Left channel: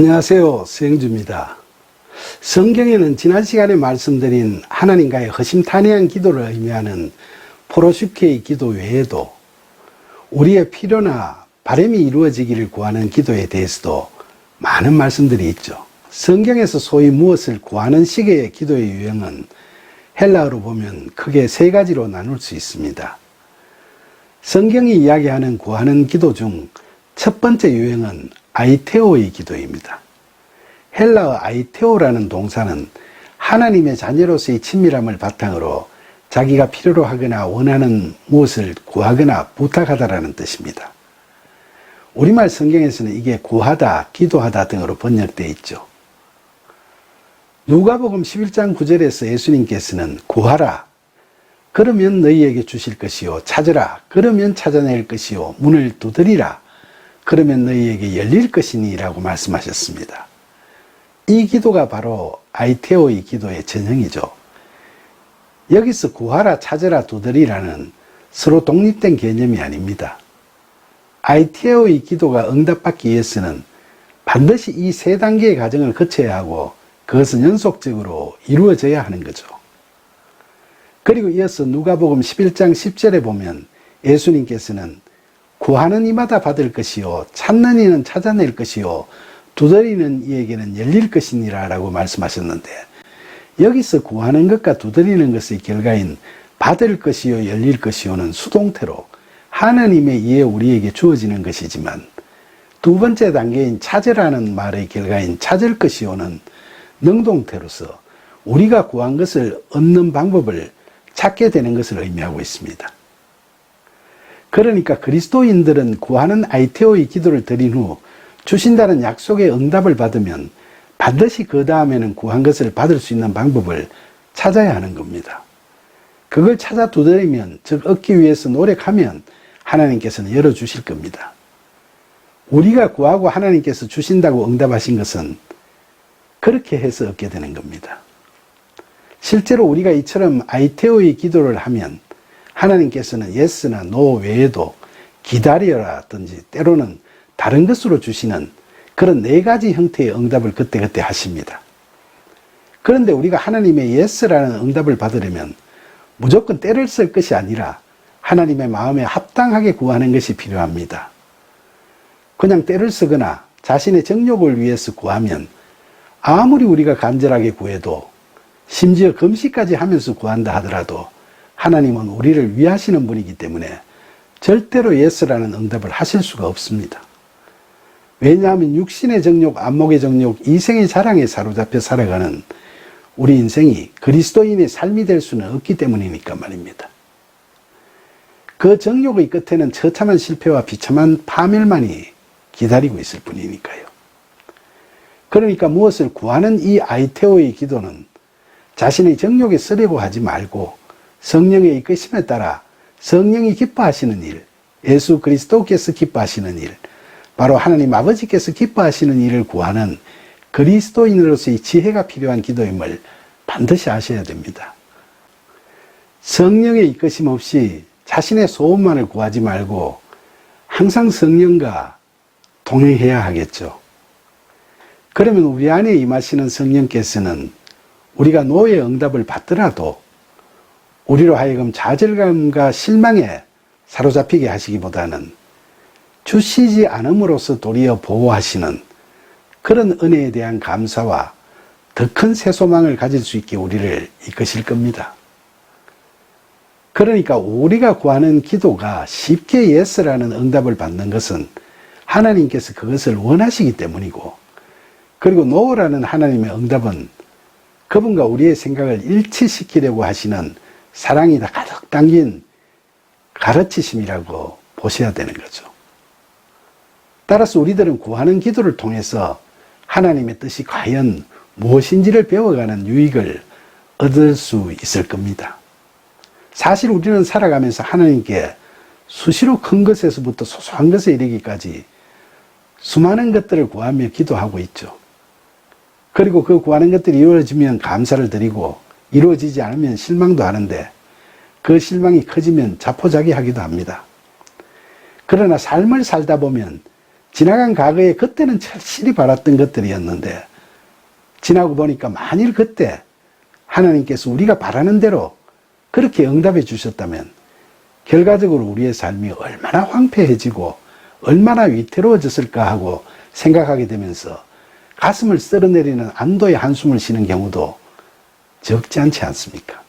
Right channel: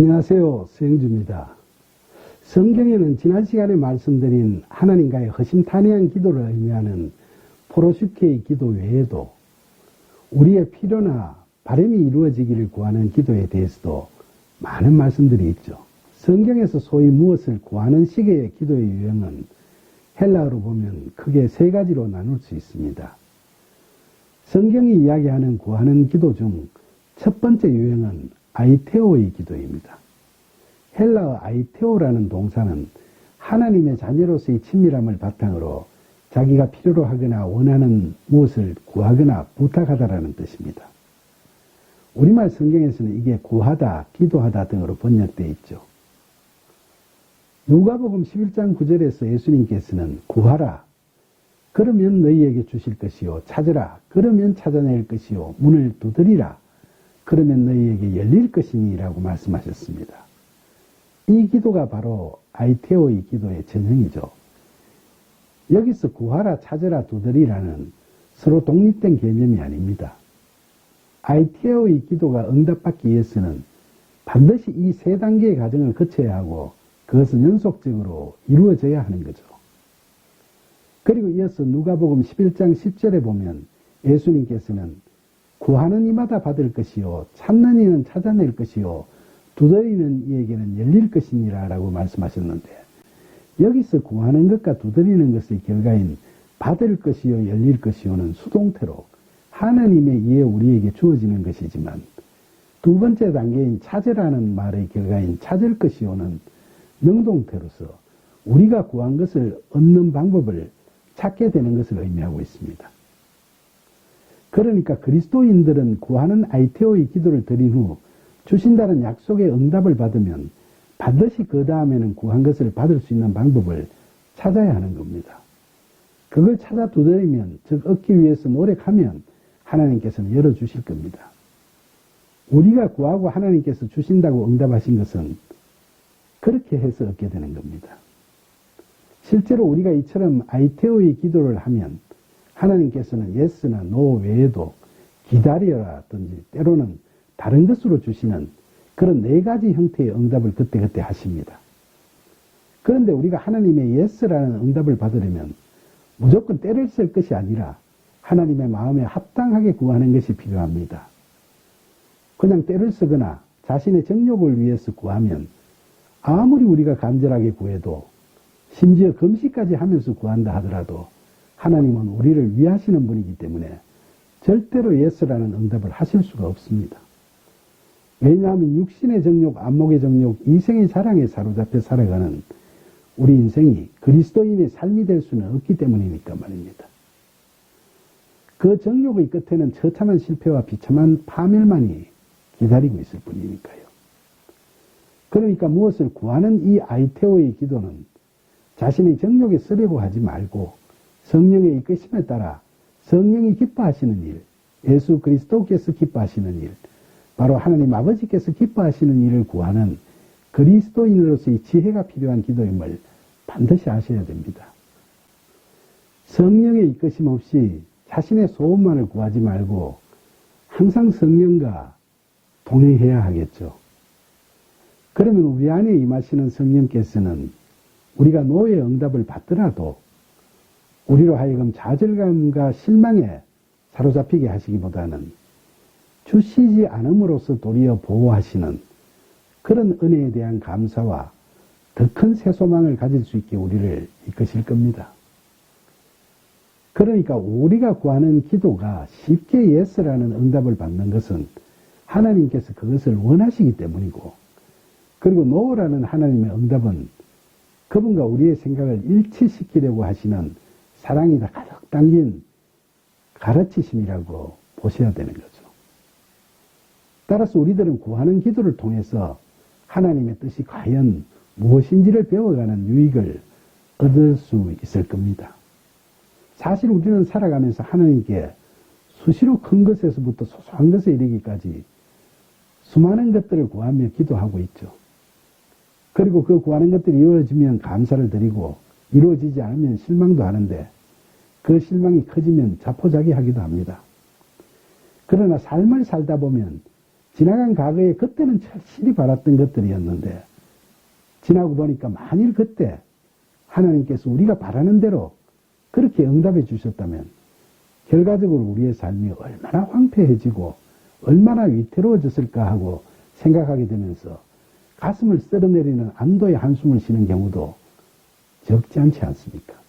안녕하세요. 수영주입니다. 성경에는 지난 시간에 말씀드린 하나님과의 허심탄회한 기도를 의미하는 포로슈케의 기도 외에도 우리의 필요나 바람이 이루어지기를 구하는 기도에 대해서도 많은 말씀들이 있죠. 성경에서 소위 무엇을 구하는 식의 기도의 유형은 헬라어로 보면 크게 세 가지로 나눌 수 있습니다. 성경이 이야기하는 구하는 기도 중 첫 번째 유형은 아이테오의 기도입니다. 헬라어 아이테오라는 동사는 하나님의 자녀로서의 친밀함을 바탕으로 자기가 필요로 하거나 원하는 무엇을 구하거나 부탁하다라는 뜻입니다. 우리말 성경에서는 이게 구하다, 기도하다 등으로 번역되어 있죠. 누가복음 11장 9절에서 예수님께서는 구하라, 그러면 너희에게 주실 것이요, 찾으라, 그러면 찾아낼 것이요, 문을 두드리라, 그러면 너희에게 열릴 것이니 라고 말씀하셨습니다. 이 기도가 바로 아이테오의 기도의 전형이죠. 여기서 구하라, 찾으라, 두드리라는 서로 독립된 개념이 아닙니다. 아이테오의 기도가 응답받기 위해서는 반드시 이 세 단계의 과정을 거쳐야 하고 그것은 연속적으로 이루어져야 하는 거죠. 그리고 이어서 누가복음 11장 10절에 보면 예수님께서는 구하는 이마다 받을 것이요, 찾는 이는 찾아낼 것이요, 두드리는 이에게는 열릴 것이니라 라고 말씀하셨는데, 여기서 구하는 것과 두드리는 것의 결과인 받을 것이요, 열릴 것이요는 수동태로 하나님의 의에 우리에게 주어지는 것이지만, 두 번째 단계인 찾으라는 말의 결과인 찾을 것이요는 능동태로서 우리가 구한 것을 얻는 방법을 찾게 되는 것을 의미하고 있습니다. 그러니까 그리스도인들은 구하는 아이테오의 기도를 드린 후 주신다는 약속의 응답을 받으면 반드시 그 다음에는 구한 것을 받을 수 있는 방법을 찾아야 하는 겁니다. 그걸 찾아 두드리면, 즉 얻기 위해서 노력하면 하나님께서는 열어주실 겁니다. 우리가 구하고 하나님께서 주신다고 응답하신 것은 그렇게 해서 얻게 되는 겁니다. 실제로 우리가 이처럼 아이테오의 기도를 하면 하나님께서는 예스나 노 외에도 기다려라든지 때로는 다른 것으로 주시는 그런 네 가지 형태의 응답을 그때그때 하십니다. 그런데 우리가 하나님의 예스라는 응답을 받으려면 무조건 때를 쓸 것이 아니라 하나님의 마음에 합당하게 구하는 것이 필요합니다. 그냥 때를 쓰거나 자신의 정욕을 위해서 구하면 아무리 우리가 간절하게 구해도, 심지어 금식까지 하면서 구한다 하더라도 하나님은 우리를 위하시는 분이기 때문에 절대로 예스라는 응답을 하실 수가 없습니다. 왜냐하면 육신의 정욕, 안목의 정욕, 이생의 자랑에 사로잡혀 살아가는 우리 인생이 그리스도인의 삶이 될 수는 없기 때문이니까 말입니다. 그 정욕의 끝에는 처참한 실패와 비참한 파멸만이 기다리고 있을 뿐이니까요. 그러니까 무엇을 구하는 이 아이테오의 기도는 자신의 정욕에 쓰려고 하지 말고 성령의 이끄심에 따라 성령이 기뻐하시는 일, 예수 그리스도께서 기뻐하시는 일, 바로 하나님 아버지께서 기뻐하시는 일을 구하는 그리스도인으로서의 지혜가 필요한 기도임을 반드시 아셔야 됩니다. 성령의 이끄심 없이 자신의 소원만을 구하지 말고 항상 성령과 동행해야 하겠죠. 그러면 우리 안에 임하시는 성령께서는 우리가 노의 응답을 받더라도 우리로 하여금 좌절감과 실망에 사로잡히게 하시기보다는 주시지 않음으로써 도리어 보호하시는 그런 은혜에 대한 감사와 더 큰 새소망을 가질 수 있게 우리를 이끄실 겁니다. 그러니까 우리가 구하는 기도가 쉽게 예스라는 응답을 받는 것은 하나님께서 그것을 원하시기 때문이고, 그리고 노라는 하나님의 응답은 그분과 우리의 생각을 일치시키려고 하시는 사랑이 다 가득 담긴 가르치심이라고 보셔야 되는 거죠. 따라서 우리들은 구하는 기도를 통해서 하나님의 뜻이 과연 무엇인지를 배워가는 유익을 얻을 수 있을 겁니다. 사실 우리는 살아가면서 하나님께 수시로 큰 것에서부터 소소한 것에 이르기까지 수많은 것들을 구하며 기도하고 있죠. 그리고 그 구하는 것들이 이루어지면 감사를 드리고 이루어지지 않으면 실망도 하는데 그 실망이 커지면 자포자기하기도 합니다. 그러나 삶을 살다 보면 지나간 과거에 그때는 철실히 바랐던 것들이었는데 지나고 보니까 만일 그때 하나님께서 우리가 바라는 대로 그렇게 응답해 주셨다면 결과적으로 우리의 삶이 얼마나 황폐해지고 얼마나 위태로워졌을까 하고 생각하게 되면서 가슴을 쓸어내리는 안도의 한숨을 쉬는 경우도 적지 않지 않습니까?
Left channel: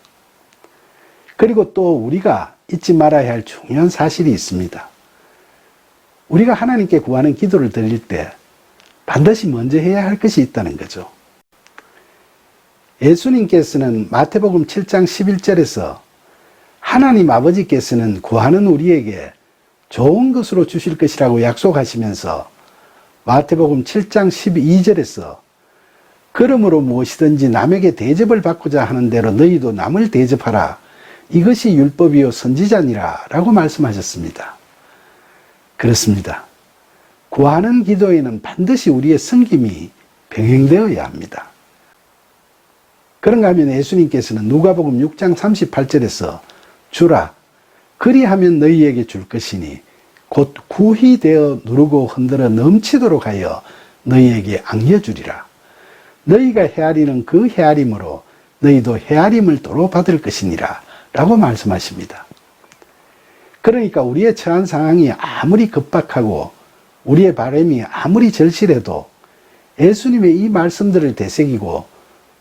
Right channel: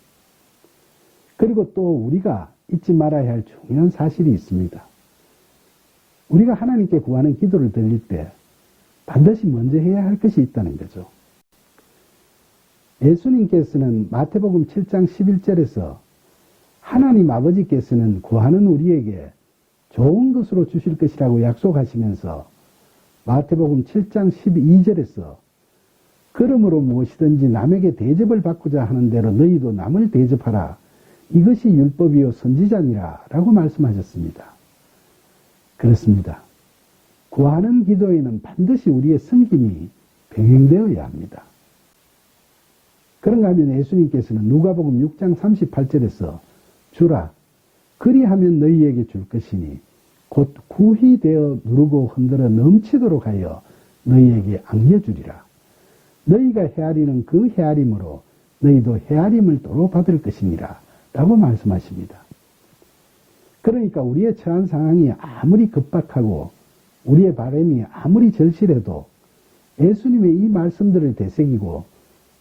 그리고 또 우리가 잊지 말아야 할 중요한 사실이 있습니다. 우리가 하나님께 구하는 기도를 드릴 때 반드시 먼저 해야 할 것이 있다는 거죠. 예수님께서는 마태복음 7장 11절에서 하나님 아버지께서는 구하는 우리에게 좋은 것으로 주실 것이라고 약속하시면서 마태복음 7장 12절에서 그러므로 무엇이든지 남에게 대접을 받고자 하는 대로 너희도 남을 대접하라. 이것이 율법이요 선지자니라 라고 말씀하셨습니다. 그렇습니다. 구하는 기도에는 반드시 우리의 섬김이 병행되어야 합니다. 그런가 하면 예수님께서는 누가복음 6장 38절에서 주라 그리하면 너희에게 줄 것이니 곧 구히 되어 누르고 흔들어 넘치도록 하여 너희에게 앙려주리라. 너희가 헤아리는 그 헤아림으로 너희도 헤아림을 도로 받을 것이니라 라고 말씀하십니다. 그러니까 우리의 처한 상황이 아무리 급박하고 우리의 바람이 아무리 절실해도 예수님의 이 말씀들을 되새기고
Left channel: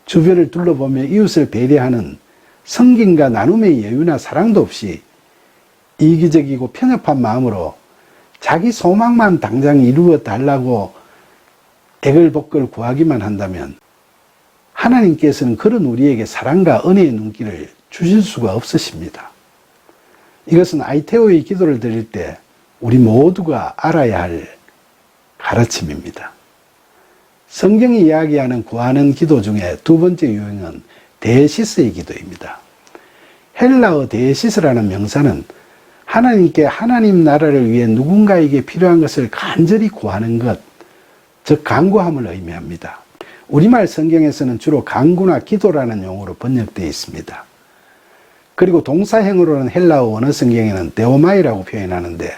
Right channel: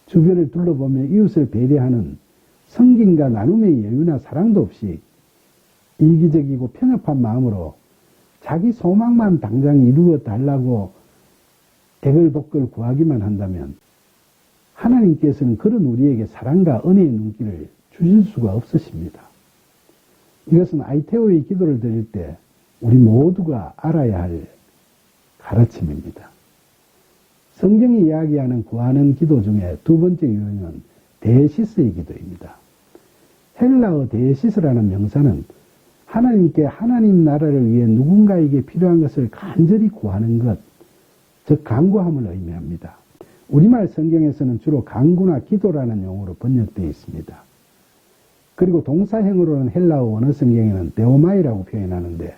주변을 둘러보며 이웃을 배려하는 성김과 나눔의 여유나 사랑도 없이 이기적이고 편협한 마음으로 자기 소망만 당장 이루어 달라고 애걸복걸 구하기만 한다면 하나님께서는 그런 우리에게 사랑과 은혜의 눈길을 주실 수가 없으십니다. 이것은 아이테오의 기도를 드릴 때 우리 모두가 알아야 할 가르침입니다. 성경이 이야기하는 구하는 기도 중에 두 번째 유형은 데시스의 기도입니다. 헬라어 데시스라는 명사는 하나님께 하나님 나라를 위해 누군가에게 필요한 것을 간절히 구하는 것, 즉 간구함을 의미합니다. 우리말 성경에서는 주로 간구나 기도라는 용어로 번역되어 있습니다. 그리고 동사형으로는 헬라어 원어 성경에는 데오마이라고 표현하는데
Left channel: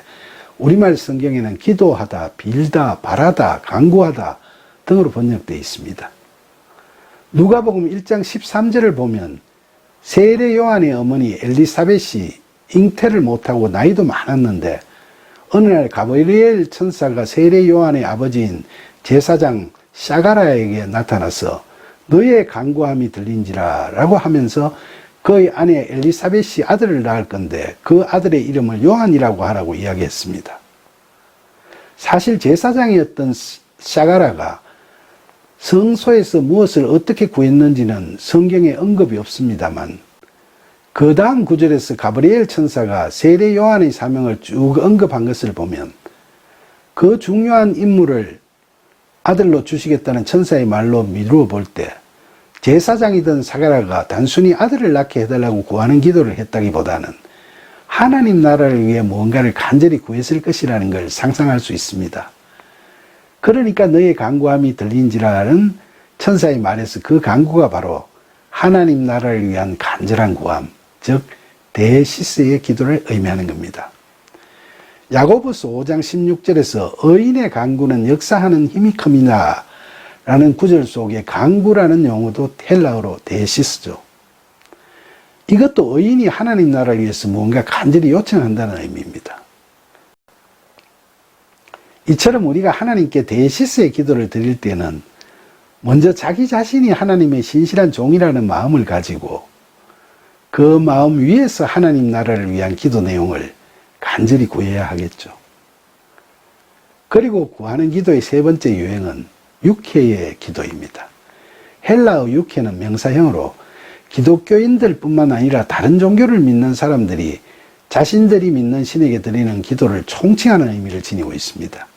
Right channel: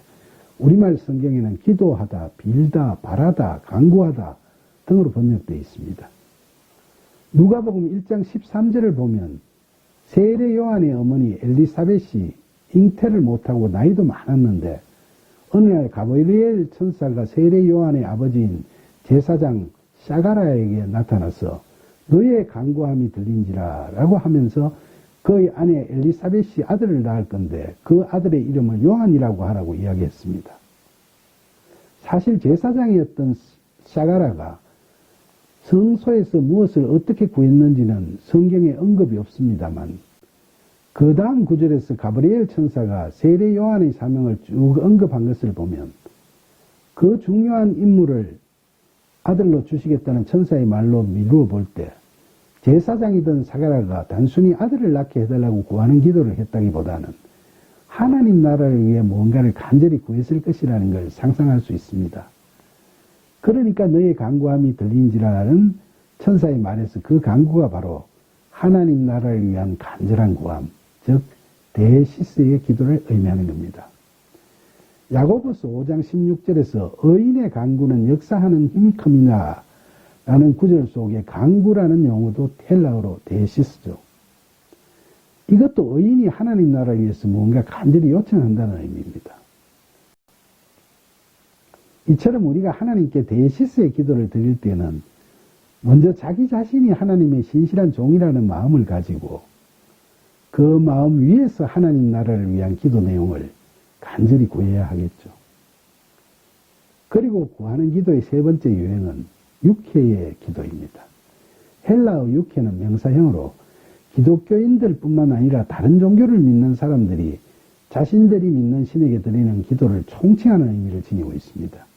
우리말 성경에는 기도하다, 빌다, 바라다, 간구하다 등으로 번역되어 있습니다. 누가복음 1장 13절을 보면 세례 요한의 어머니 엘리사벳이 잉태를 못하고 나이도 많았는데 어느 날 가브리엘 천사가 세례 요한의 아버지인 제사장 샤가라에게 나타나서 너의 간구함이 들린지라 라고 하면서 그의 아내 엘리사벳이 아들을 낳을 건데 그 아들의 이름을 요한이라고 하라고 이야기했습니다. 사실 제사장이었던 샤가라가 성소에서 무엇을 어떻게 구했는지는 성경에 언급이 없습니다만 그 다음 구절에서 가브리엘 천사가 세례 요한의 사명을 쭉 언급한 것을 보면 그 중요한 임무를 아들로 주시겠다는 천사의 말로 미루어 볼 때 제사장이던 사가라가 단순히 아들을 낳게 해달라고 구하는 기도를 했다기보다는 하나님 나라를 위해 무언가를 간절히 구했을 것이라는 걸 상상할 수 있습니다. 그러니까 너의 간구함이 들린지라는 천사의 말에서 그 간구가 바로 하나님 나라를 위한 간절한 구함, 즉 데시스의 기도를 의미하는 겁니다. 야고보서 5장 16절에서 의인의 간구는 역사하는 힘이 큽니다 라는 구절 속에 간구라는 용어도 헬라어로 데시스죠. 이것도 의인이 하나님 나라를 위해서 무언가 간절히 요청한다는 의미입니다. 이처럼 우리가 하나님께 데시스의 기도를 드릴 때는 먼저 자기 자신이 하나님의 신실한 종이라는 마음을 가지고 그 마음 위에서 하나님 나라를 위한 기도 내용을 간절히 구해야 하겠죠. 그리고 구하는 기도의 세 번째 유형은 육회의 기도입니다. 헬라어 육회는 명사형으로 기독교인들 뿐만 아니라 다른 종교를 믿는 사람들이 자신들이 믿는 신에게 드리는 기도를 총칭하는 의미를 지니고 있습니다.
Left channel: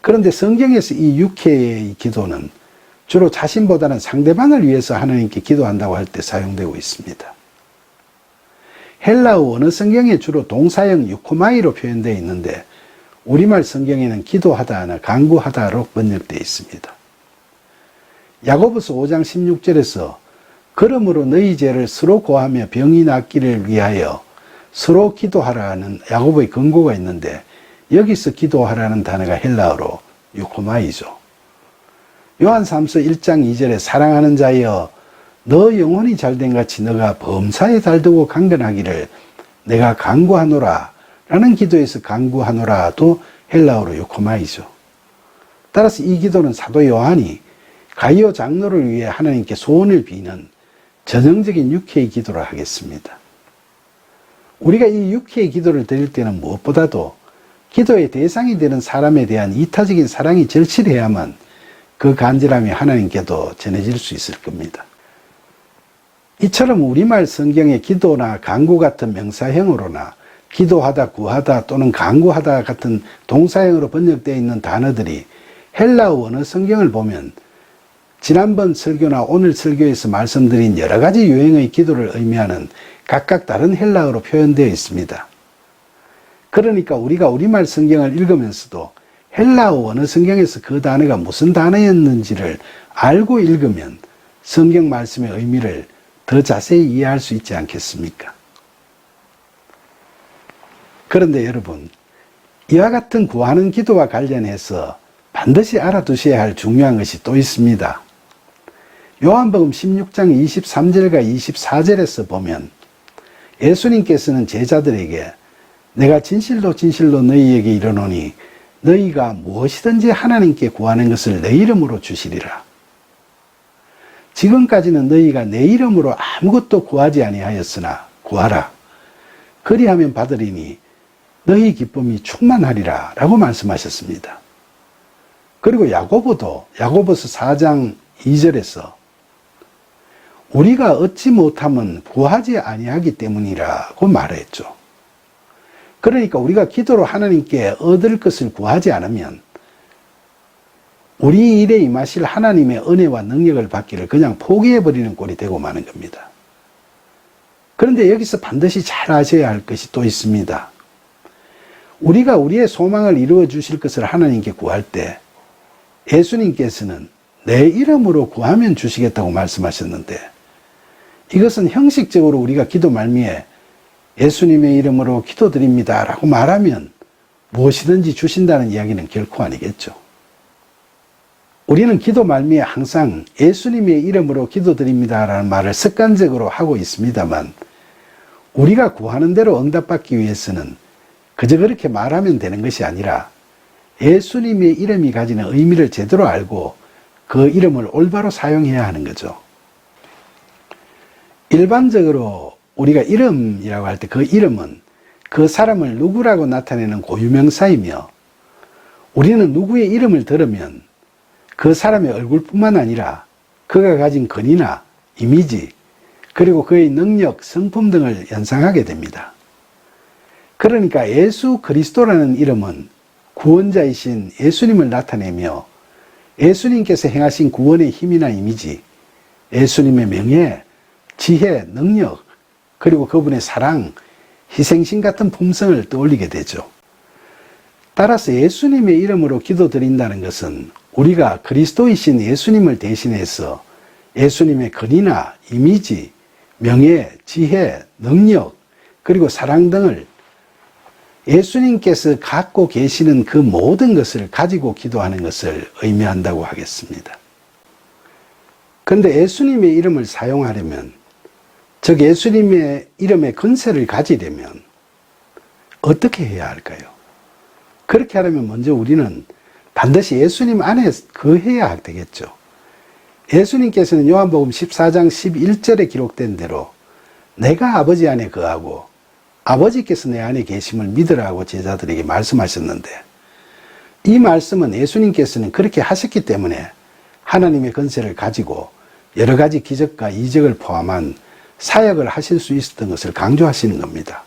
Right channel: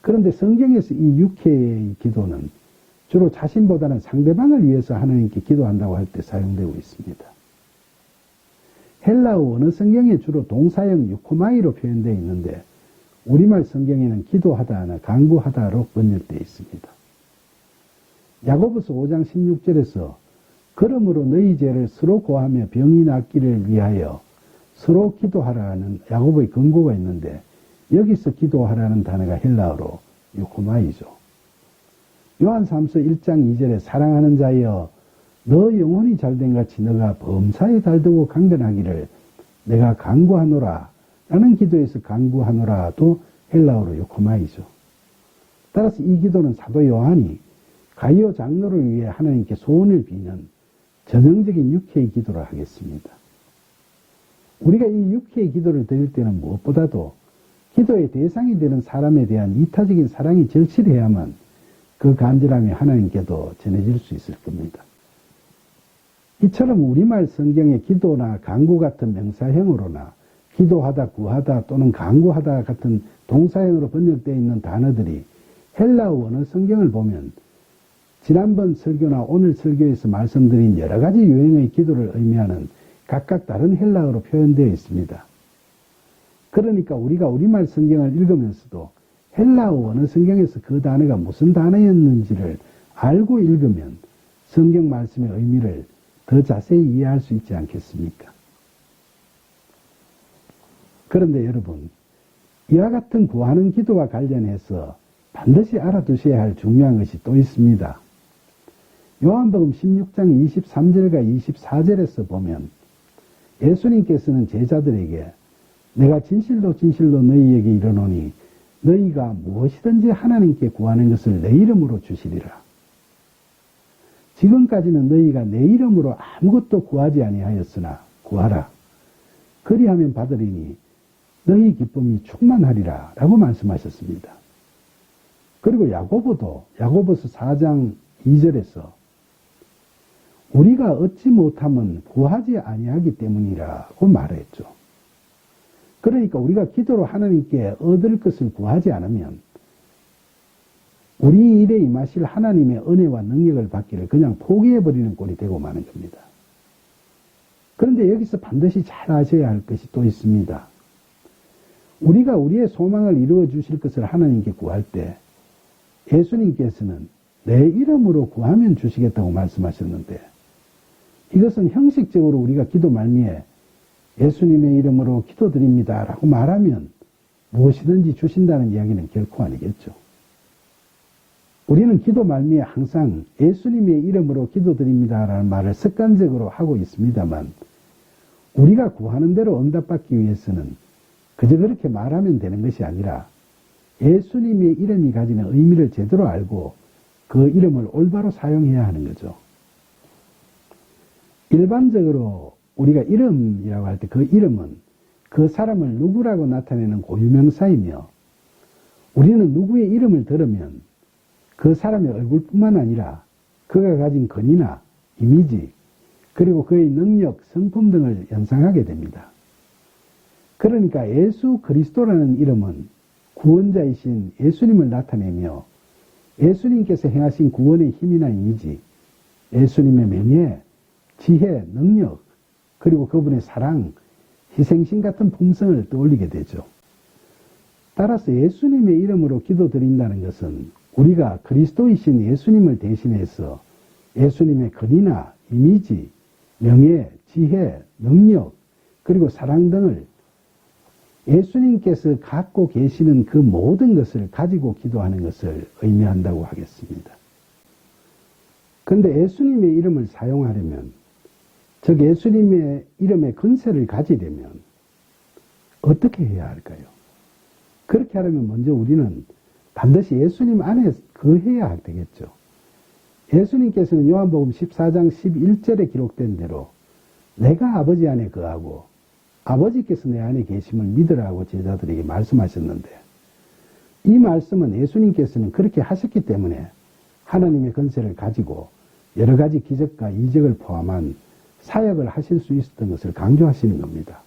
그런데 성경에서 이 육회의 기도는 주로 자신보다는 상대방을 위해서 하나님께 기도한다고 할 때 사용되고 있습니다. 헬라어 원어 성경에 주로 동사형 유코마이로 표현되어 있는데 우리말 성경에는 기도하다나 간구하다로 번역되어 있습니다. 야고보서 5장 16절에서 그러므로 너희 죄를 서로 고하며 병이 낫기를 위하여 서로 기도하라는 야고보의 권고가 있는데 여기서 기도하라는 단어가 헬라어로 유코마이죠. 요한삼서 1장 2절에 사랑하는 자여 너 영혼이 잘된 같이 너가 범사에 달두고 강건하기를 내가 간구하노라 라는 기도에서 간구하노라도 헬라어로 유코마이죠. 따라서 이 기도는 사도 요한이 가이오 장로를 위해 하나님께 소원을 비는 전형적인 육회의 기도를 하겠습니다. 우리가 이 육회의 기도를 드릴 때는 무엇보다도 기도의 대상이 되는 사람에 대한 이타적인 사랑이 절실해야만 그 간절함이 하나님께도 전해질 수 있을 겁니다. 이처럼 우리말 성경의 기도나 간구 같은 명사형으로나 기도하다, 구하다 또는 간구하다 같은 동사형으로 번역되어 있는 단어들이 헬라어 원어 성경을 보면 지난번 설교나 오늘 설교에서 말씀드린 여러 가지 유형의 기도를 의미하는 각각 다른 헬라어로 표현되어 있습니다. 그러니까 우리가 우리말 성경을 읽으면서도 헬라어 원어 성경에서 그 단어가 무슨 단어였는지를 알고 읽으면 성경 말씀의 의미를 더 자세히 이해할 수 있지 않겠습니까? 그런데 여러분, 이와 같은 구하는 기도와 관련해서 반드시 알아두셔야 할 중요한 것이 또 있습니다. 요한복음 16장 23절과 24절에서 보면 예수님께서는 제자들에게 내가 진실로 진실로 너희에게 이르노니 너희가 무엇이든지 하나님께 구하는 것을 내 이름으로 주시리라. 지금까지는 너희가 내 이름으로 아무것도 구하지 아니하였으나 구하라. 그리하면 받으리니 너희 기쁨이 충만하리라 라고 말씀하셨습니다. 그리고 야고보도 야고보서 4장 2절에서 우리가 얻지 못하면 구하지 아니하기 때문이라고 말했죠. 그러니까 우리가 기도로 하나님께 얻을 것을 구하지 않으면 우리 일에 임하실 하나님의 은혜와 능력을 받기를 그냥 포기해버리는 꼴이 되고 마는 겁니다. 그런데 여기서 반드시 잘 아셔야 할 것이 또 있습니다. 우리가 우리의 소망을 이루어 주실 것을 하나님께 구할 때 예수님께서는 내 이름으로 구하면 주시겠다고 말씀하셨는데 이것은 형식적으로 우리가 기도 말미에 예수님의 이름으로 기도드립니다 라고 말하면 무엇이든지 주신다는 이야기는 결코 아니겠죠. 우리는 기도 말미에 항상 예수님의 이름으로 기도드립니다 라는 말을 습관적으로 하고 있습니다만 우리가 구하는 대로 응답받기 위해서는 그저 그렇게 말하면 되는 것이 아니라 예수님의 이름이 가지는 의미를 제대로 알고 그 이름을 올바로 사용해야 하는 거죠. 일반적으로 우리가 이름이라고 할 때 그 이름은 그 사람을 누구라고 나타내는 고유명사이며 우리는 누구의 이름을 들으면 그 사람의 얼굴뿐만 아니라 그가 가진 권위나 이미지 그리고 그의 능력, 성품 등을 연상하게 됩니다. 그러니까 예수 그리스도라는 이름은 구원자이신 예수님을 나타내며 예수님께서 행하신 구원의 힘이나 이미지, 예수님의 명예, 지혜, 능력, 그리고 그분의 사랑, 희생심 같은 품성을 떠올리게 되죠. 따라서 예수님의 이름으로 기도드린다는 것은 우리가 그리스도이신 예수님을 대신해서 예수님의 권위나 이미지, 명예, 지혜, 능력, 그리고 사랑 등을 예수님께서 갖고 계시는 그 모든 것을 가지고 기도하는 것을 의미한다고 하겠습니다. 그런데 예수님의 이름을 사용하려면, 즉 예수님의 이름의 권세를 가지려면 어떻게 해야 할까요? 그렇게 하려면 먼저 우리는 반드시 예수님 안에 거해야 되겠죠. 예수님께서는 요한복음 14장 11절에 기록된 대로 내가 아버지 안에 거하고 아버지께서 내 안에 계심을 믿으라고 제자들에게 말씀하셨는데 이 말씀은 예수님께서는 그렇게 하셨기 때문에 하나님의 권세를 가지고 여러 가지 기적과 이적을 포함한 사역을 하실 수 있었던 것을 강조하시는 겁니다.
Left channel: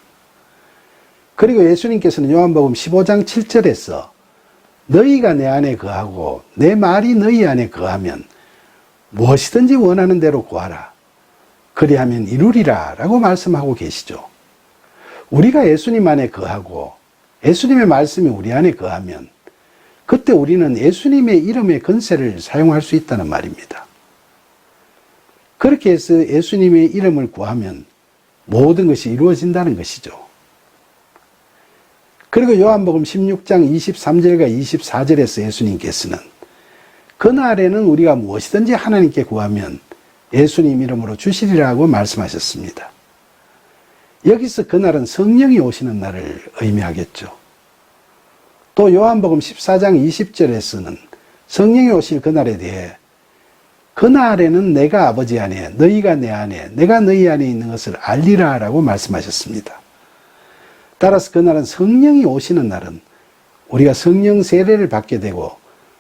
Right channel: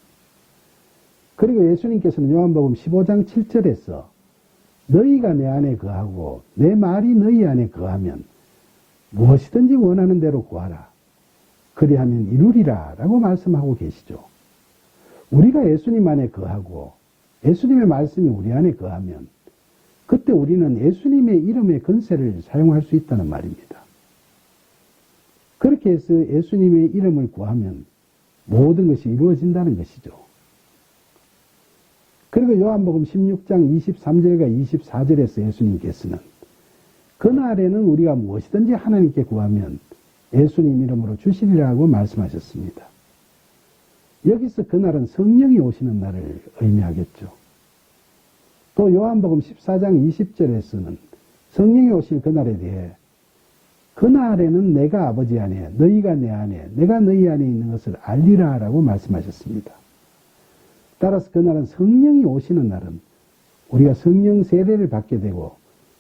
그리고 예수님께서는 요한복음 15장 7절에서 너희가 내 안에 거하고 내 말이 너희 안에 거하면 무엇이든지 원하는 대로 구하라. 그리하면 이루리라 라고 말씀하고 계시죠. 우리가 예수님 안에 거하고 예수님의 말씀이 우리 안에 거하면 그때 우리는 예수님의 이름의 권세를 사용할 수 있다는 말입니다. 그렇게 해서 예수님의 이름을 구하면 모든 것이 이루어진다는 것이죠. 그리고 요한복음 16장 23절과 24절에서 예수님께서는 그날에는 우리가 무엇이든지 하나님께 구하면 예수님 이름으로 주시리라고 말씀하셨습니다. 여기서 그날은 성령이 오시는 날을 의미하겠죠. 또 요한복음 14장 20절에서는 성령이 오실 그날에 대해 그날에는 내가 아버지 안에 너희가 내 안에 내가 너희 안에 있는 것을 알리라 라고 말씀하셨습니다. 따라서 그날은 성령이 오시는 날은 우리가 성령 세례를 받게 되고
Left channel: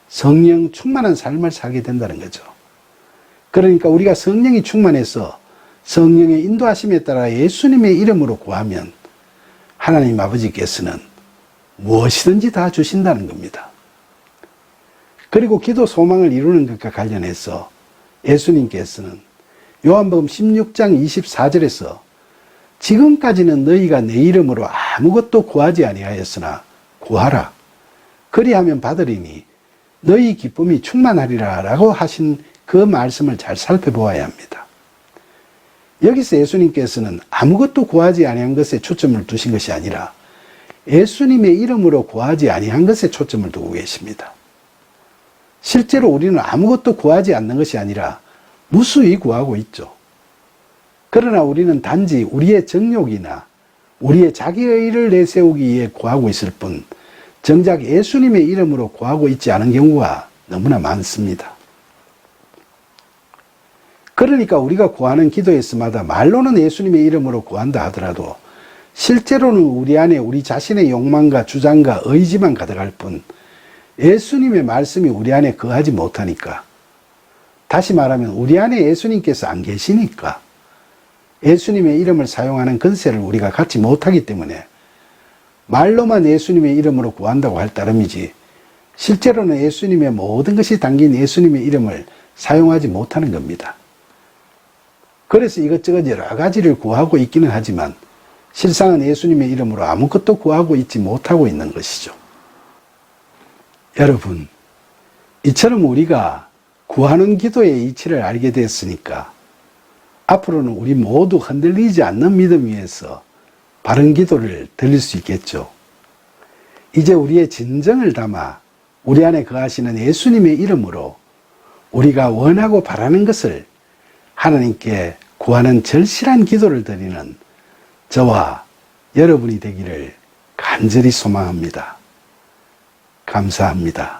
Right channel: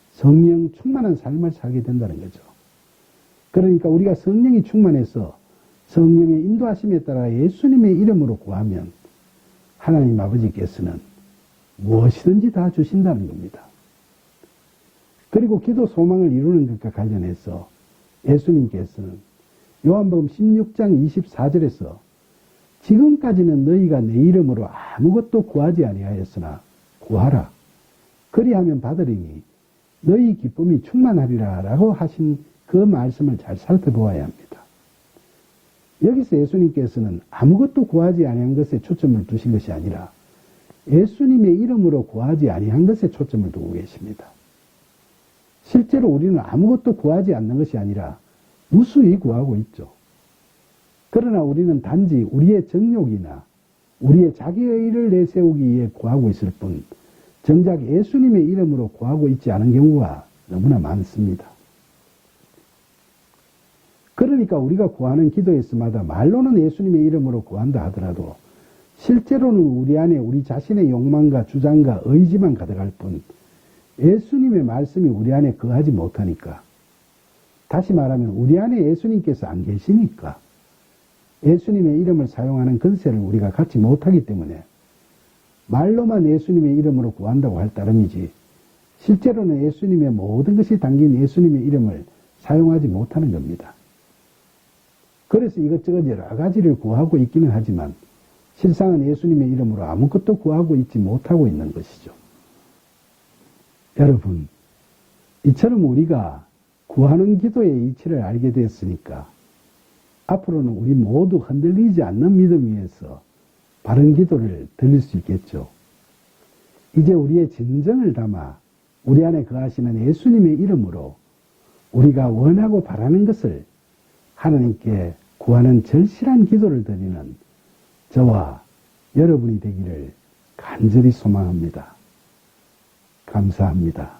성령 충만한 삶을 살게 된다는 거죠. 그러니까 우리가 성령이 충만해서 성령의 인도하심에 따라 예수님의 이름으로 구하면 하나님 아버지께서는 무엇이든지 다 주신다는 겁니다. 그리고 기도 소망을 이루는 것과 관련해서 예수님께서는 요한복음 16장 24절에서 지금까지는 너희가 내 이름으로 아무것도 구하지 아니하였으나 구하라. 그리하면 받으리니 너희 기쁨이 충만하리라 라고 하신 그 말씀을 잘 살펴보아야 합니다. 여기서 예수님께서는 아무것도 구하지 아니한 것에 초점을 두신 것이 아니라 예수님의 이름으로 구하지 아니한 것에 초점을 두고 계십니다. 실제로 우리는 아무것도 구하지 않는 것이 아니라 무수히 구하고 있죠. 그러나 우리는 단지 우리의 정욕이나 우리의 자기의의를 내세우기 위해 구하고 있을 뿐 정작 예수님의 이름으로 구하고 있지 않은 경우가 너무나 많습니다. 그러니까 우리가 구하는 기도에서마다 말로는 예수님의 이름으로 구한다 하더라도 실제로는 우리 안에 우리 자신의 욕망과 주장과 의지만 가득할 뿐 예수님의 말씀이 우리 안에 거하지 못하니까, 다시 말하면 우리 안에 예수님께서 안 계시니까 예수님의 이름을 사용하는 권세를 우리가 갖지 못하기 때문에 말로만 예수님의 이름으로 구한다고 할 따름이지 실제로는 예수님의 모든 것이 담긴 예수님의 이름을 사용하지 못하는 겁니다. 그래서 이것저것 여러 가지를 구하고 있기는 하지만 실상은 예수님의 이름으로 아무것도 구하고 있지 못하고 있는 것이죠. 여러분, 이처럼 우리가 구하는 기도의 이치를 알게 됐으니까 앞으로는 우리 모두 흔들리지 않는 믿음 위에서 바른 기도를 드릴 수 있겠죠. 이제 우리의 진정을 담아 우리 안에 거하시는 예수님의 이름으로 우리가 원하고 바라는 것을 하나님께 구하는 절실한 기도를 드리는 저와 여러분이 되기를 간절히 소망합니다. 감사합니다.